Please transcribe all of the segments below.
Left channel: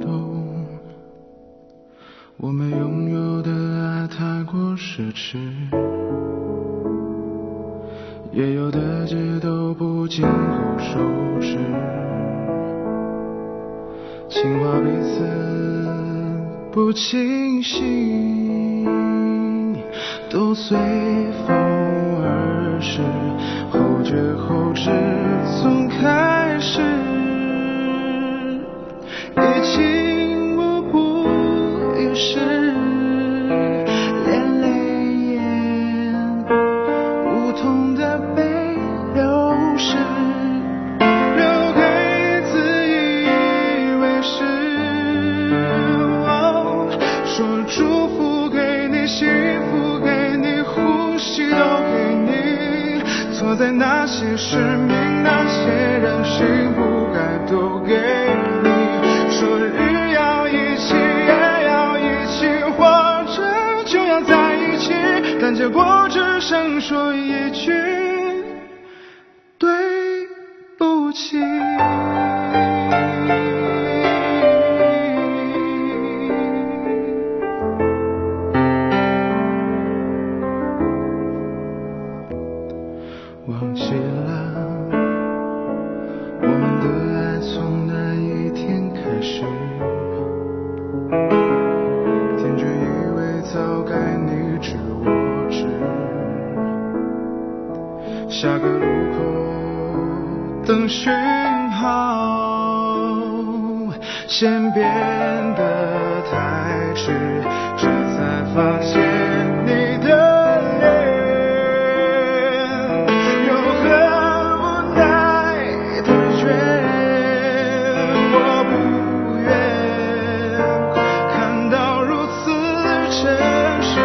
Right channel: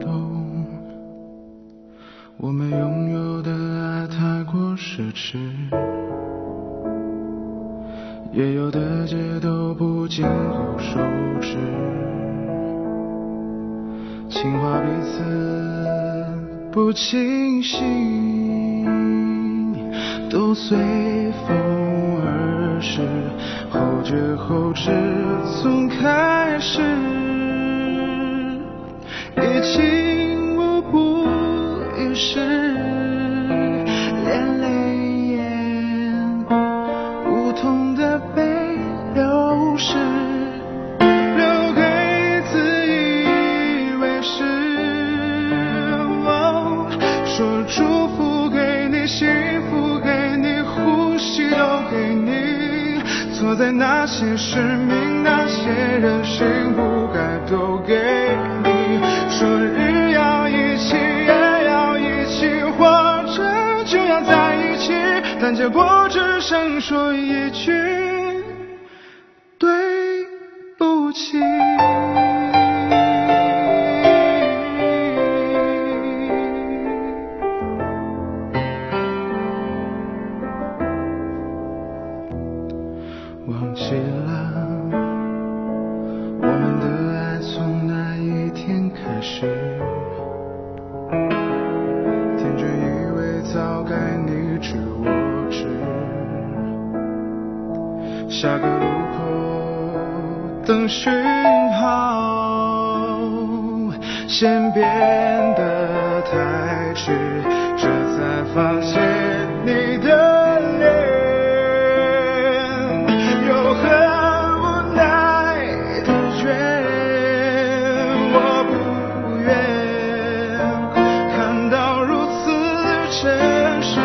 懂，我们拥有的爱太过奢侈，也有的街都不经过收拾，情话彼此不清晰，都随风而逝，后知后觉从开始，已经无补于事，连泪眼无痛的被流逝，留给自以为是。说祝福给你，幸福给你，呼吸都给你，错在那些使命，那些人心不该都给你。说日要一起，夜要一起，活着就要在一起，但结果只剩说一句对不起。忘记了我们的爱从哪一天开始，天真以为早该你知我知，下个路口等讯号，先变得太迟，这才发现你的脸真实，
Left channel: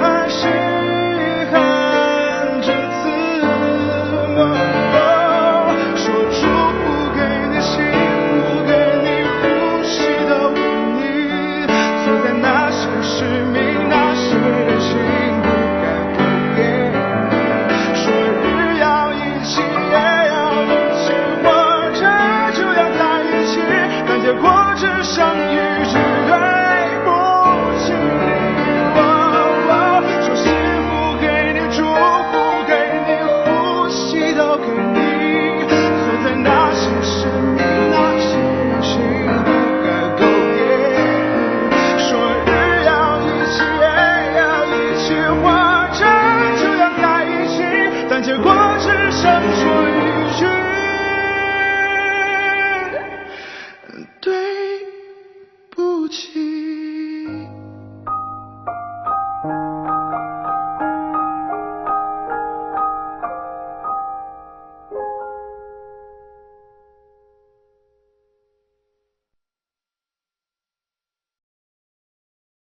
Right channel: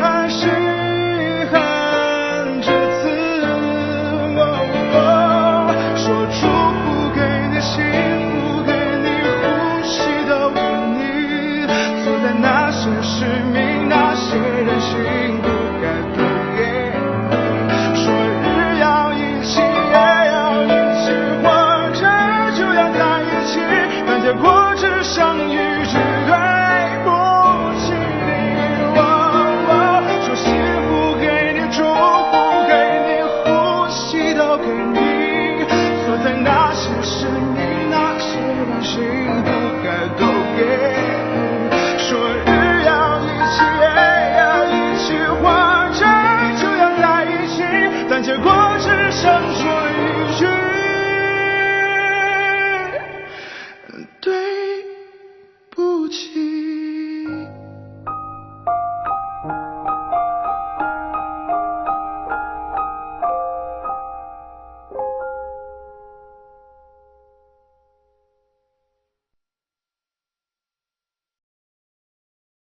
还是遗憾至此。说祝福给你，幸福给你，呼吸都给你，错在那些使命，那些人心不该都给你。说日要一起，夜要一起，活着就要在一起，但结果只剩一句对不起。说幸福给你，祝福给你，呼吸都给你，错在那些使命，那些人心不该都给你。说日要一起，夜要一起，活着就要在一起，但结果只剩说一句